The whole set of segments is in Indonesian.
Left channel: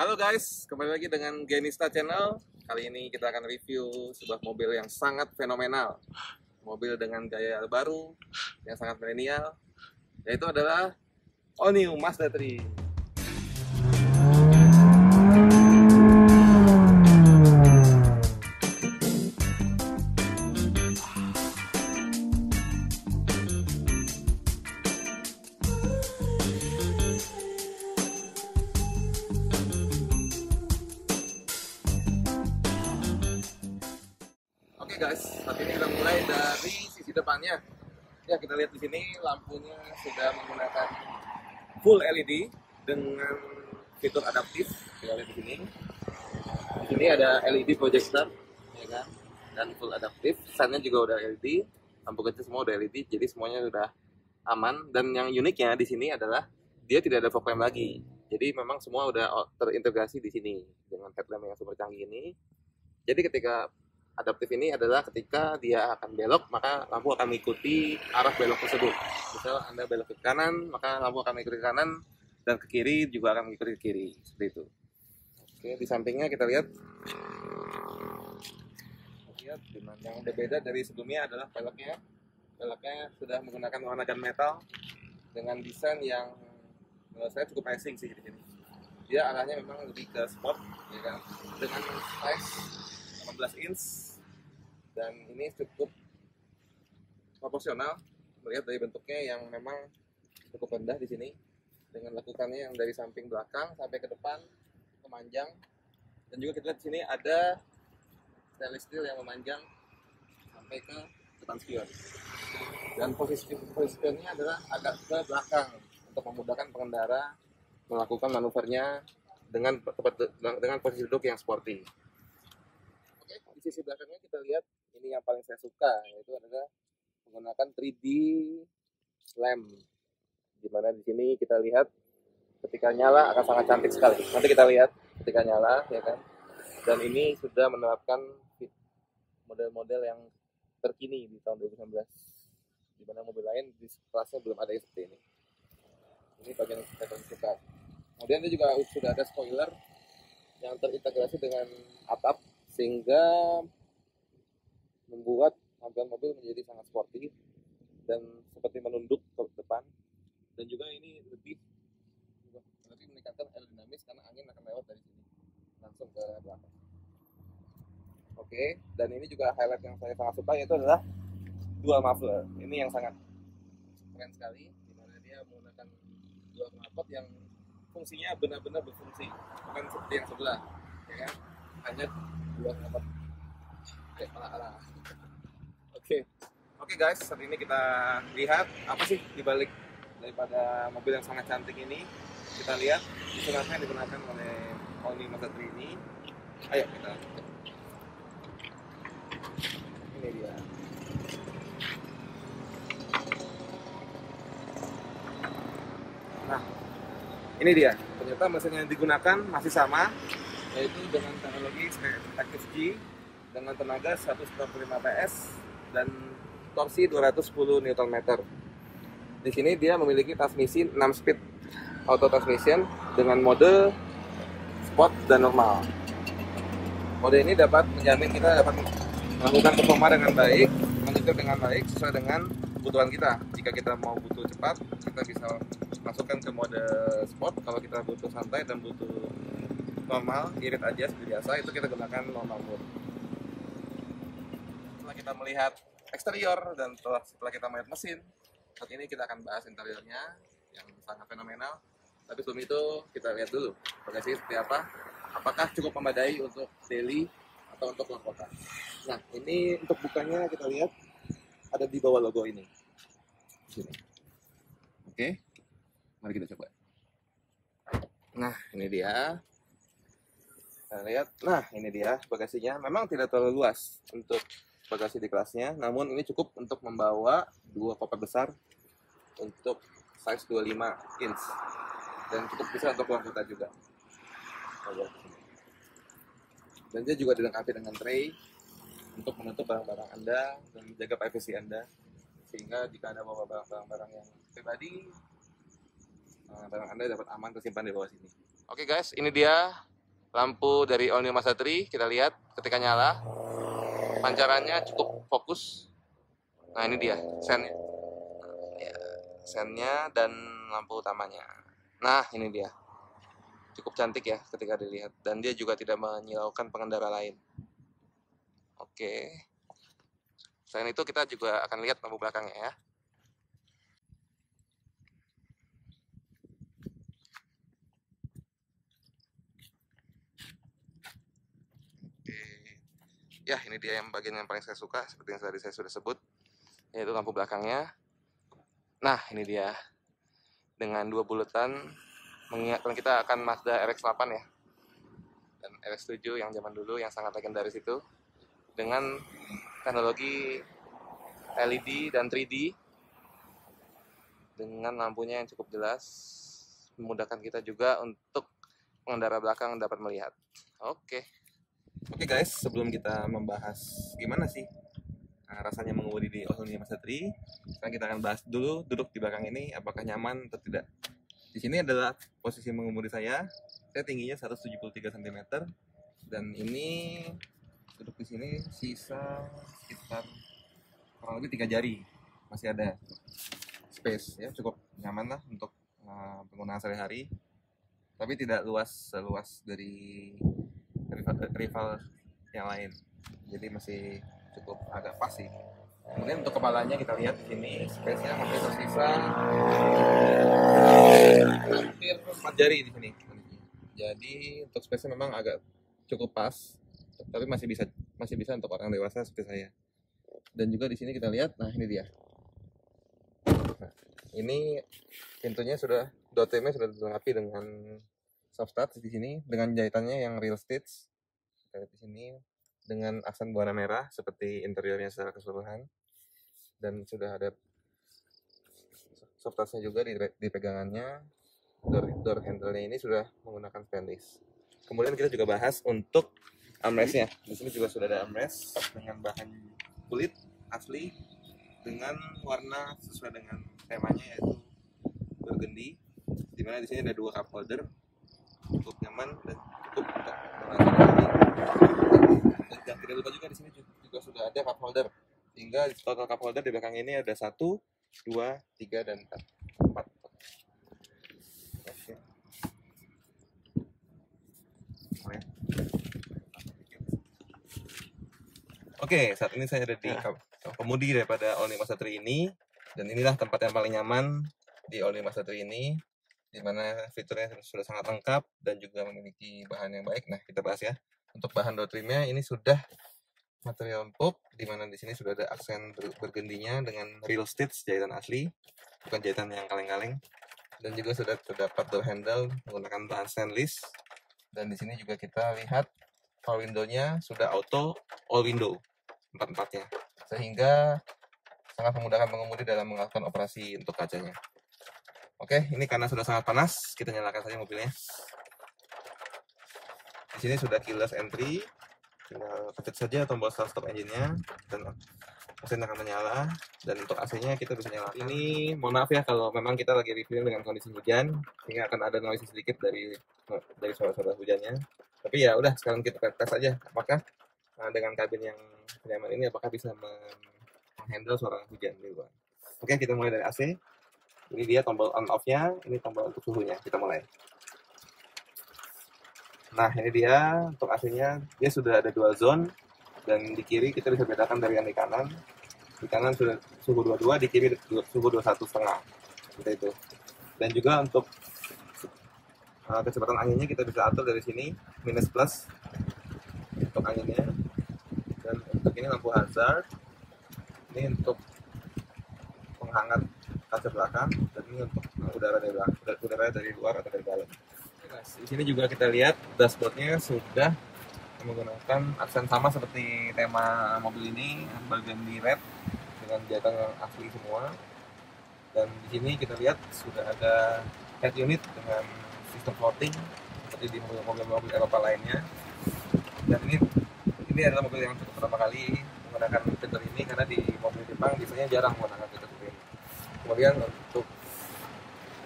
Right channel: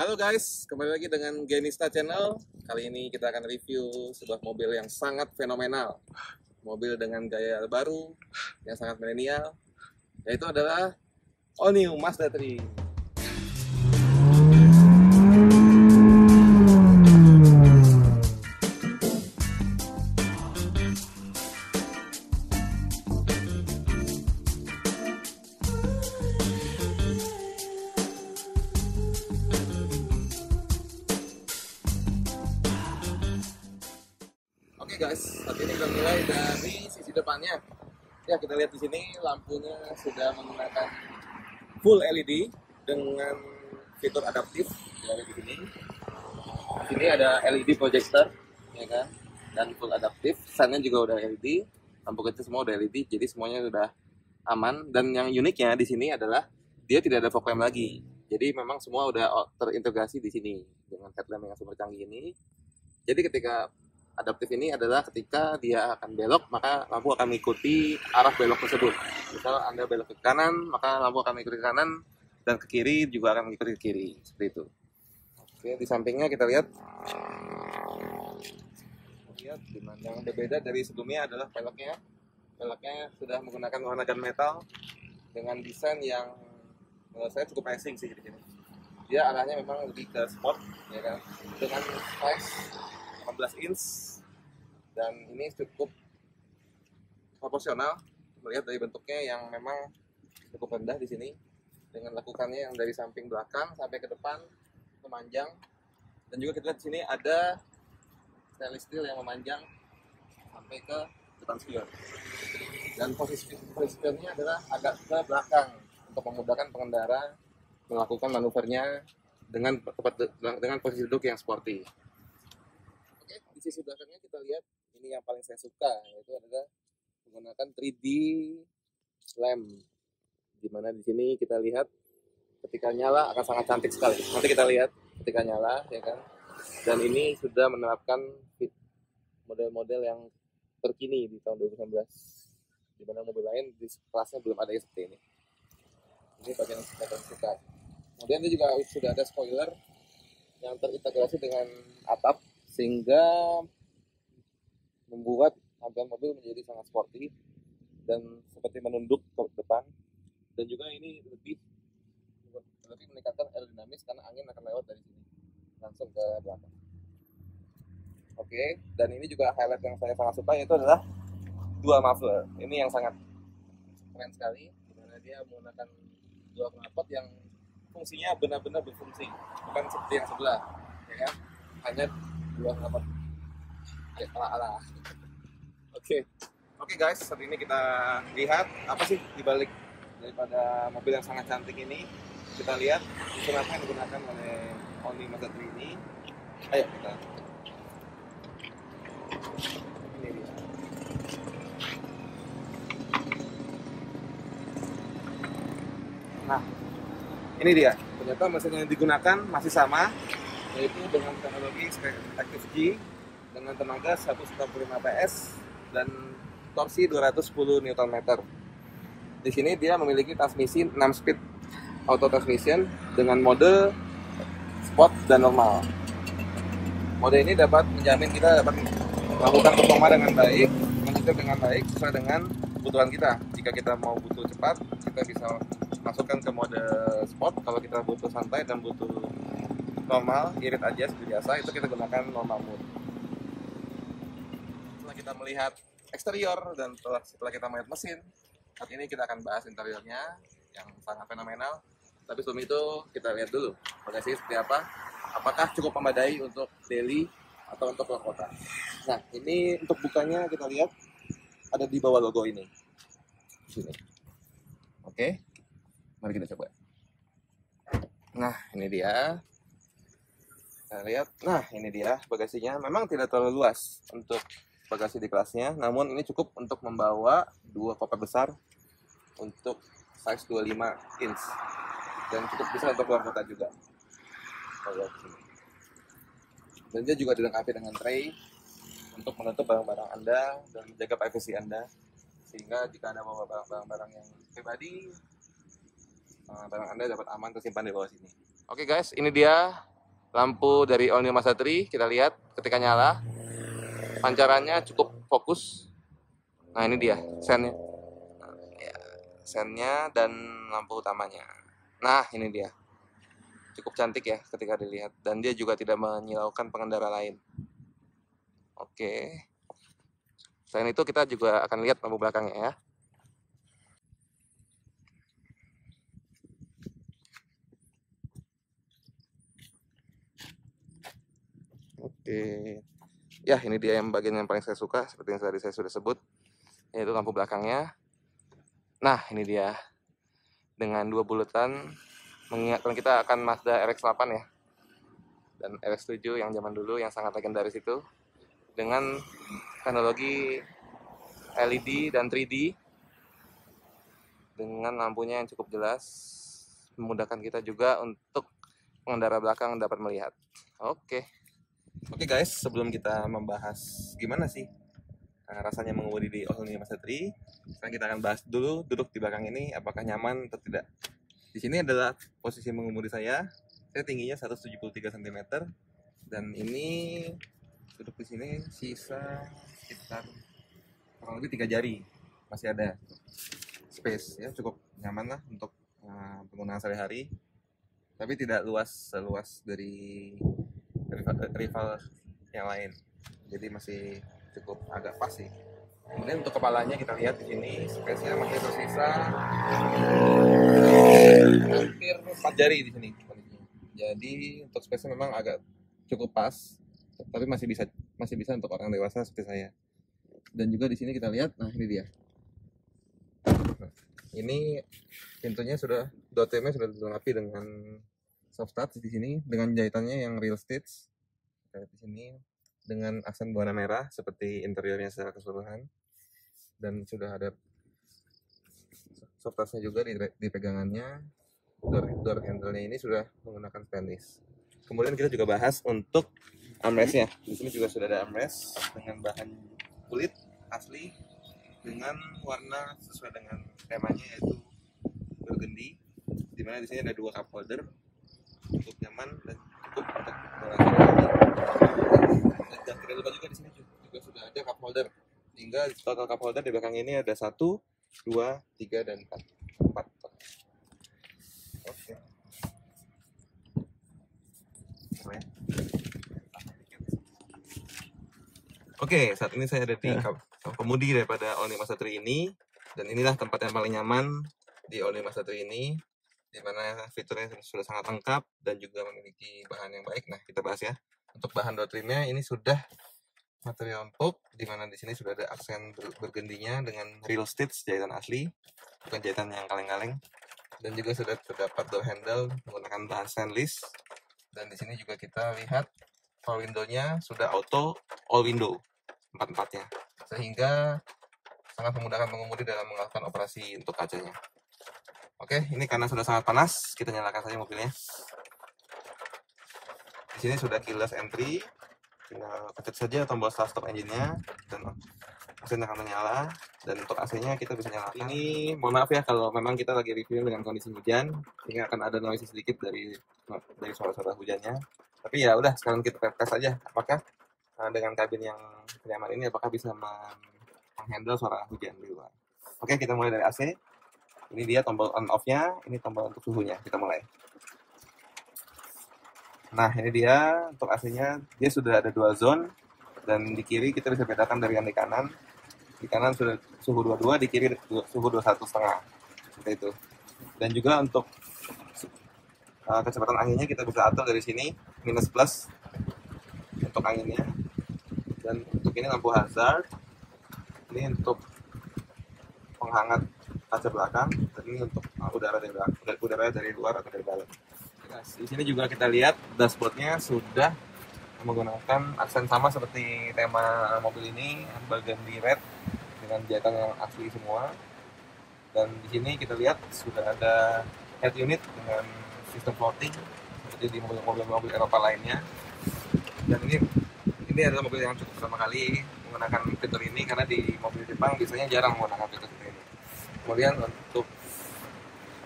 Halo guys, kembali lagi dengan Genista Channel. Kali ini kita akan review sebuah mobil yang sangat fenomenal. Mobil dengan gaya baru, yang sangat milenial, yaitu adalah All New Mazda 3. Oke guys, saat ini kita mulai dari sisi depannya. Ya, kita lihat di sini lampunya sudah menggunakan full LED dengan fitur adaptif. Kita lihat di sini. Di sini ada LED projector, ya kan? Dan full adaptif. Sunnya juga udah LED. Lampu kecil semua udah LED, jadi semuanya udah aman. Dan yang uniknya di sini adalah dia tidak ada fog lamp lagi. Jadi memang semua udah terintegrasi di sini dengan headlamp yang super canggih ini. Jadi ketika adaptif ini adalah ketika dia akan belok, maka lampu akan mengikuti arah belok tersebut. Misal Anda belok ke kanan, maka lampu akan mengikuti ke kanan, dan ke kiri juga akan mengikuti ke kiri. Seperti itu. Oke, di sampingnya kita lihat. Yang berbeda dari sebelumnya adalah peleknya. Peleknya sudah menggunakan warna gunmetal dengan desain yang menurut saya cukup amazing sih di sini. Dia arahnya memang lebih ke sport, ya kan, dengan size 18 inch, dan ini cukup proporsional melihat dari bentuknya yang memang cukup rendah di sini, dengan lekukannya yang dari samping belakang sampai ke depan memanjang. Dan juga kita lihat di sini ada stainless steel yang memanjang sampai ke depan spion, dan posisi spionnya adalah agak ke belakang untuk memudahkan pengendara melakukan manuvernya dengan posisi duduk yang sporty. Di sisi belakangnya kita lihat, ini yang paling saya suka, yaitu adalah menggunakan 3D lamp, dimana di sini kita lihat ketika nyala akan sangat cantik sekali. Nanti kita lihat ketika nyala, ya kan. Dan ini sudah menerapkan model-model yang terkini di tahun 2019, dimana mobil lain di kelasnya belum ada yang seperti ini. Ini bagian yang saya suka. Kemudian dia juga sudah ada spoiler yang terintegrasi dengan atap, sehingga membuat tampilan mobil menjadi sangat sporty dan seperti menunduk ke depan. Dan juga ini lebih meningkatkan aerodinamis karena angin akan lewat dari sini langsung ke belakang. Oke, dan ini juga highlight yang saya sangat suka, yaitu adalah dual muffler. Ini yang sangat keren sekali, dimana dia menggunakan dua knalpot yang fungsinya benar-benar berfungsi, bukan seperti yang sebelah, ya kan, hanya dua knalpot kayak ala-ala. Oke guys, saat ini kita lihat apa sih dibalik daripada mobil yang sangat cantik ini. Kita lihat mesin apa yang digunakan oleh All New Mazda 3 ini. Ayo kita cek. Ini dia. Nah, ini dia. Ternyata mesin yang digunakan masih sama, yaitu dengan teknologi Active G dengan tenaga 195 PS dan torsi 210 Nm. Di sini dia memiliki transmisi 6 speed auto transmission dengan mode sport dan normal. Mode ini dapat menjamin kita dapat melakukan performa dengan baik, menyetir dengan baik sesuai dengan kebutuhan kita. Jika kita mau butuh cepat, kita bisa masukkan ke mode sport. Kalau kita butuh santai dan butuh normal, irit aja seperti biasa, itu kita gunakan normal mode. Setelah kita melihat eksterior dan setelah kita melihat mesin, saat ini kita akan bahas interiornya yang sangat fenomenal. Tapi sebelum itu kita lihat dulu bagasinya seperti apa. Apakah cukup memadai untuk daily atau untuk keluar kota. Nah, ini untuk bukanya kita lihat ada di bawah logo ini. Di sini. Oke, mari kita coba. Nah, ini dia. Kita lihat. Nah, ini dia bagasinya. Memang tidak terlalu luas untuk bagasi di kelasnya, namun ini cukup untuk membawa dua koper besar untuk size 25 inch dan cukup bisa untuk keluar kota juga. Dan dia juga dilengkapi dengan tray untuk menutup barang-barang Anda dan menjaga privasi Anda, sehingga jika ada bawa barang-barang yang pribadi, barang Anda dapat aman tersimpan di bawah sini. Oke guys, ini dia Lampu dari All New Mazda 3 kita lihat ketika nyala, pancarannya cukup fokus. Nah ini dia sennya, sennya dan lampu utamanya. Nah ini dia, cukup cantik ya ketika dilihat, dan dia juga tidak menyilaukan pengendara lain. Oke, selain itu kita juga akan lihat lampu belakangnya ya. Oke, ya ini dia yang bagian yang paling saya suka, seperti yang tadi saya sudah sebut, yaitu lampu belakangnya. Nah ini dia, dengan 2 bulatan, mengingatkan kita akan Mazda RX-8 ya, dan RX-7 yang zaman dulu yang sangat legendaris itu, dengan teknologi LED dan 3D, dengan lampunya yang cukup jelas, memudahkan kita juga untuk pengendara belakang dapat melihat. Oke guys, sebelum kita membahas gimana sih rasanya mengemudi di All New Mazda 3, sekarang kita akan bahas dulu duduk di belakang ini apakah nyaman atau tidak. Di sini adalah posisi mengemudi saya tingginya 173 cm, dan ini duduk di sini sisa sekitar kurang lebih 3 jari, masih ada space ya, cukup nyaman lah untuk penggunaan sehari-hari, tapi tidak luas dari rival yang lain, jadi masih cukup agak pas sih. Kemudian untuk kepalanya kita lihat di sini space-nya masih tersisa hampir 4 jari di sini. Jadi untuk space-nya memang agak cukup pas, tapi masih bisa untuk orang dewasa seperti saya. Dan juga di sini kita lihat, nah ini dia. Nah, ini pintunya sudah, door trim-nya sudah dilengkapi dengan soft touch di sini, dengan jahitannya yang real stitch. Kita lihat di sini dengan aksen berwarna merah seperti interiornya secara keseluruhan, dan sudah ada soft touch-nya juga di pegangannya. Door handle-nya ini sudah menggunakan stainless. Kemudian kita juga bahas untuk armrest-nya. Di sini juga sudah ada armrest dengan bahan kulit asli dengan warna sesuai dengan temanya, yaitu burgundy. Dimana di sini ada 2 cup holder, cukup nyaman dan cukup untuk merasa kami. Dan tidak lupa juga di sini juga sudah ada cup holder, sehingga total cup holder di belakang ini ada 1, 2, 3, dan 4. Oke, saat ini saya ada di kemudi daripada All New Mazda 3 ini, dan inilah tempat yang paling nyaman di All New Mazda 3 ini, di mana fiturnya sudah sangat lengkap dan juga memiliki bahan yang baik. Nah, kita bahas ya. Untuk bahan door trimnya ini sudah material empuk, di mana di sini sudah ada aksen burgundinya dengan real stitch, jahitan asli, bukan jahitan yang kaleng-kaleng. Dan juga sudah terdapat door handle menggunakan bahan stainless. Dan di sini juga kita lihat power window-nya sudah auto all window, 4-4-nya, sehingga sangat memudahkan pengemudi dalam melakukan operasi untuk kacanya. Oke, ini karena sudah sangat panas, kita nyalakan saja mobilnya. Di sini sudah keyless entry, tinggal pencet saja tombol start engine-nya dan mesin akan menyala. Dan untuk AC-nya kita bisa nyalakan. Ini mohon maaf ya kalau memang kita lagi review dengan kondisi hujan, sehingga akan ada noise sedikit dari suara-suara hujannya. Tapi ya udah, sekarang kita tes aja apakah dengan kabin yang nyaman ini apakah bisa menghandle suara hujan di luar. Oke, kita mulai dari AC. Ini dia tombol on off-nya, ini tombol untuk suhunya. Kita mulai. Nah, ini dia untuk AC-nya. Dia sudah ada 2 zone, dan di kiri kita bisa bedakan dari yang di kanan. Di kanan sudah suhu 22, di kiri suhu 21,5. Seperti itu. Dan juga untuk kecepatan anginnya kita bisa atur dari sini, minus plus untuk anginnya. Dan untuk ini lampu hazard, ini untuk penghangat kaca belakang, dan ini untuk udara dari luar atau dari dalam. Di sini juga kita lihat dashboardnya sudah menggunakan aksen sama seperti tema mobil ini, burgundy red dengan jahitan yang asli semua. Dan di sini kita lihat sudah ada head unit dengan sistem floating seperti di mobil-mobil Eropa lainnya. Dan ini adalah mobil yang cukup pertama kali menggunakan fitur ini, karena di mobil Jepang biasanya jarang menggunakan fitur ini. Kemudian untuk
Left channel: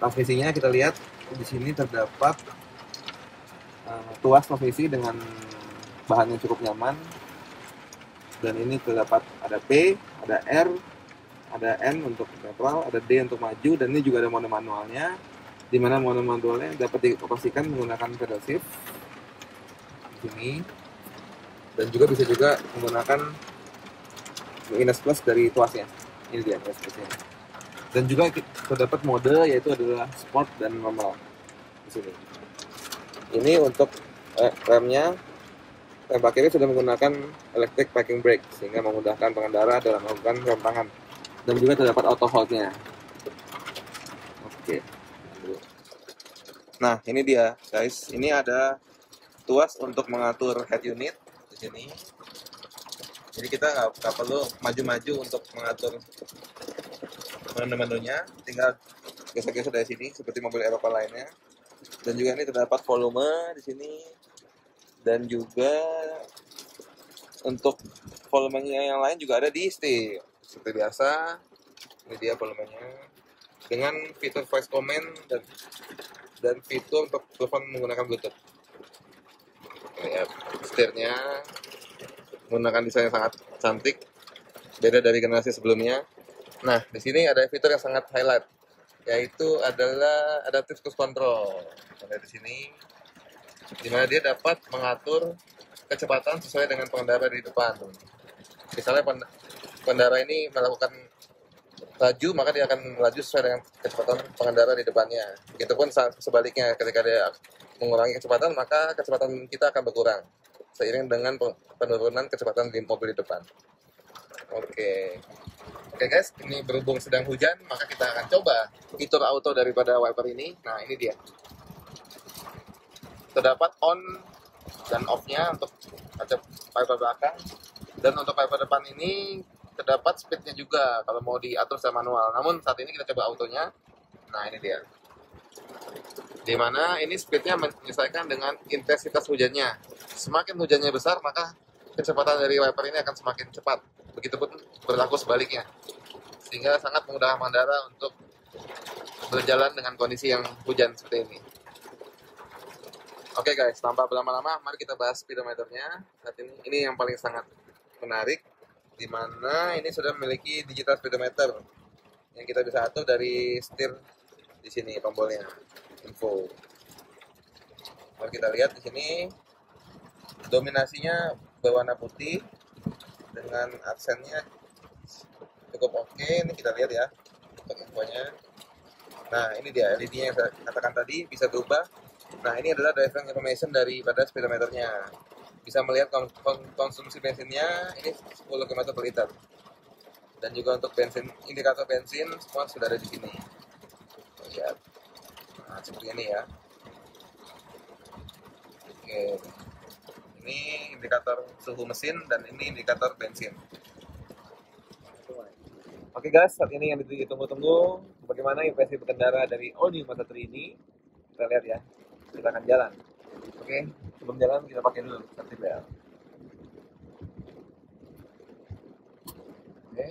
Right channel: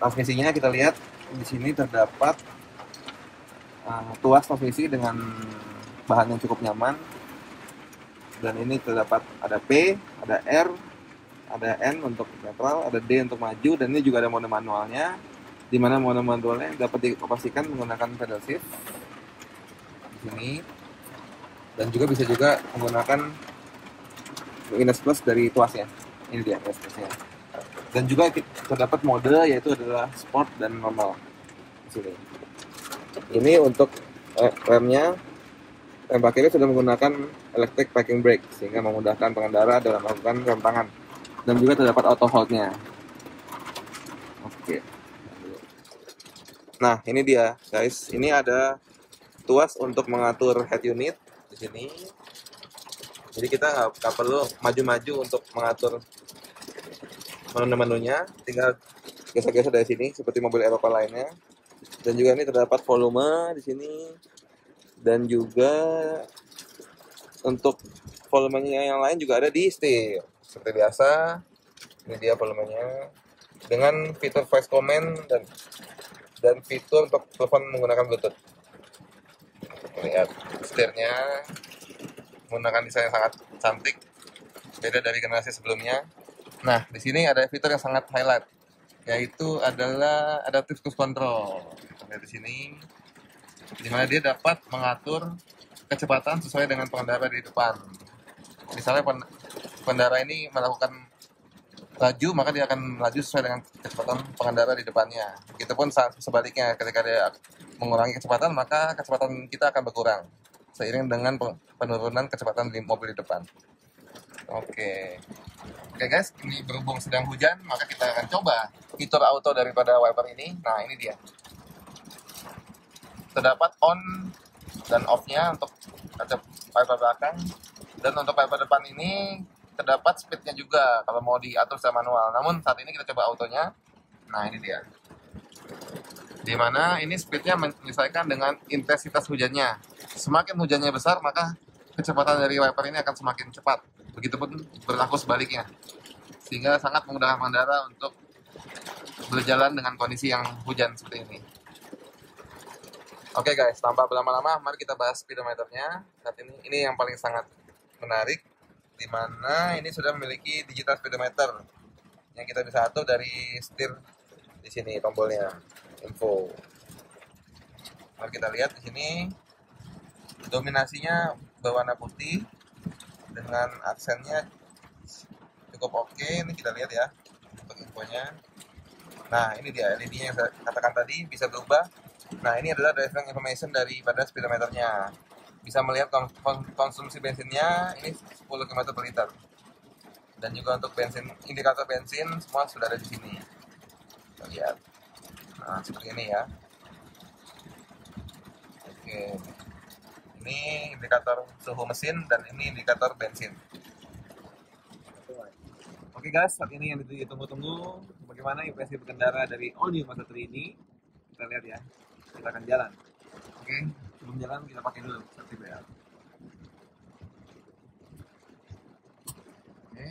transmisinya kita lihat di sini terdapat tuas transmisi dengan bahan yang cukup nyaman. Dan ini terdapat ada P, ada R, ada N untuk netral, ada D untuk maju, dan ini juga ada mode manualnya, di mana mode manualnya dapat dioperasikan menggunakan pedal shift di sini, dan juga bisa juga menggunakan minus plus dari tuasnya. Ini dia plus plusnya. Dan juga terdapat mode yaitu adalah sport dan normal. Ini untuk remnya, rem parkirnya sudah menggunakan electric parking brake sehingga memudahkan pengendara dalam melakukan rem tangan. Dan juga terdapat auto hold-nya. Oke. Nah, ini dia, guys. Ini ada tuas untuk mengatur head unit di sini. Jadi kita nggak perlu maju-maju untuk mengatur menu-menunya, tinggal geser-geser dari sini seperti mobil Eropa lainnya. Dan juga ini terdapat volume di sini, dan juga untuk volumenya yang lain juga ada di setir seperti biasa. Ini dia volumenya dengan fitur voice command dan fitur untuk telepon menggunakan Bluetooth. Lihat setirnya menggunakan desain yang sangat cantik, beda dari generasi sebelumnya. Nah, di sini ada fitur yang sangat highlight, yaitu adalah adaptive cruise control. Ada di sini, di mana dia dapat mengatur kecepatan sesuai dengan pengendara di depan. Misalnya pengendara ini melakukan laju, maka dia akan melaju sesuai dengan kecepatan pengendara di depannya. Begitupun sebaliknya, ketika dia mengurangi kecepatan, maka kecepatan kita akan berkurang seiring dengan penurunan kecepatan di mobil di depan. Oke guys, ini berhubung sedang hujan, maka kita akan coba fitur auto daripada wiper ini. Nah, ini dia. Terdapat on dan off-nya untuk kaca wiper belakang, dan untuk wiper depan ini terdapat speed-nya juga kalau mau diatur secara manual. Namun saat ini kita coba autonya. Nah, ini dia. Dimana ini speed-nya menyesuaikan dengan intensitas hujannya. Semakin hujannya besar, maka kecepatan dari wiper ini akan semakin cepat. Begitupun berlaku sebaliknya, sehingga sangat memudahkan pengendara untuk berjalan dengan kondisi yang hujan seperti ini. Oke guys, tanpa berlama-lama, mari kita bahas speedometernya. Saat ini yang paling sangat menarik, di mana ini sudah memiliki digital speedometer yang kita bisa atur dari setir di sini tombolnya, info. Mari kita lihat di sini, dominasinya berwarna putih dengan aksennya cukup oke. Ini kita lihat ya untuk infonya. Nah, ini dia LED-nya yang saya katakan tadi bisa berubah. Nah, ini adalah driving information daripada speedometernya. Bisa melihat konsumsi bensinnya, ini 10 km per liter. Dan juga untuk bensin, indikator bensin semua sudah ada di sini. Kita lihat. Nah, seperti ini ya. Oke. Ini indikator suhu mesin dan ini indikator bensin. Oke guys, saat ini yang ditunggu-tunggu, bagaimana impresi berkendara dari All New Mazda 3 ini. Kita lihat ya, kita akan jalan. Oke, sebelum jalan kita pakai dulu safety belt. Oke,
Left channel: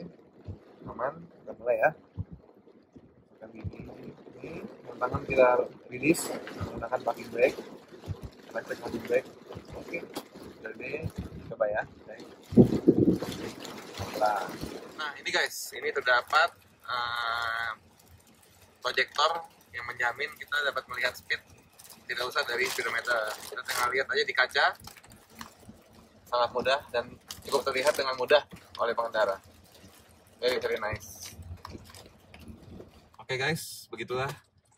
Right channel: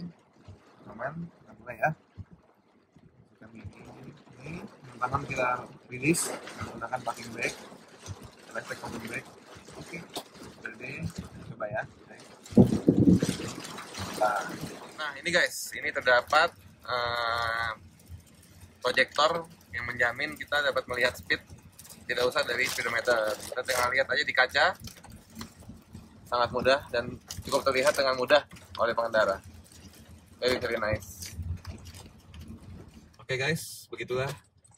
aman, kita mulai ya. Ini dengan tangan kita rilis menggunakan parking brake, electric parking brake. Oke, jadi coba ya. Nah, ini guys, ini terdapat proyektor yang menjamin kita dapat melihat speed, tidak usah dari speedometer. Kita tinggal lihat aja di kaca, sangat mudah dan cukup terlihat dengan mudah oleh pengendara. Very nice. Oke guys, begitulah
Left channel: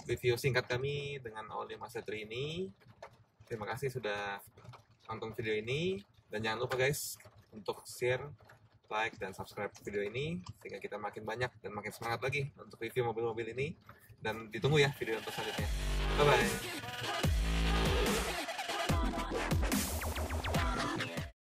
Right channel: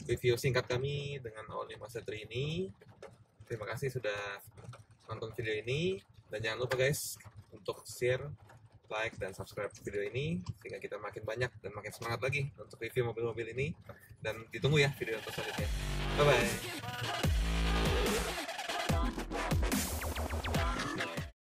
review singkat kami dengan All New Mazda 3 ini. Terima kasih sudah nonton video ini, dan jangan lupa guys untuk share, like, dan subscribe video ini sehingga kita makin banyak dan makin semangat lagi untuk review mobil-mobil ini. Dan ditunggu ya video untuk selanjutnya. Bye bye.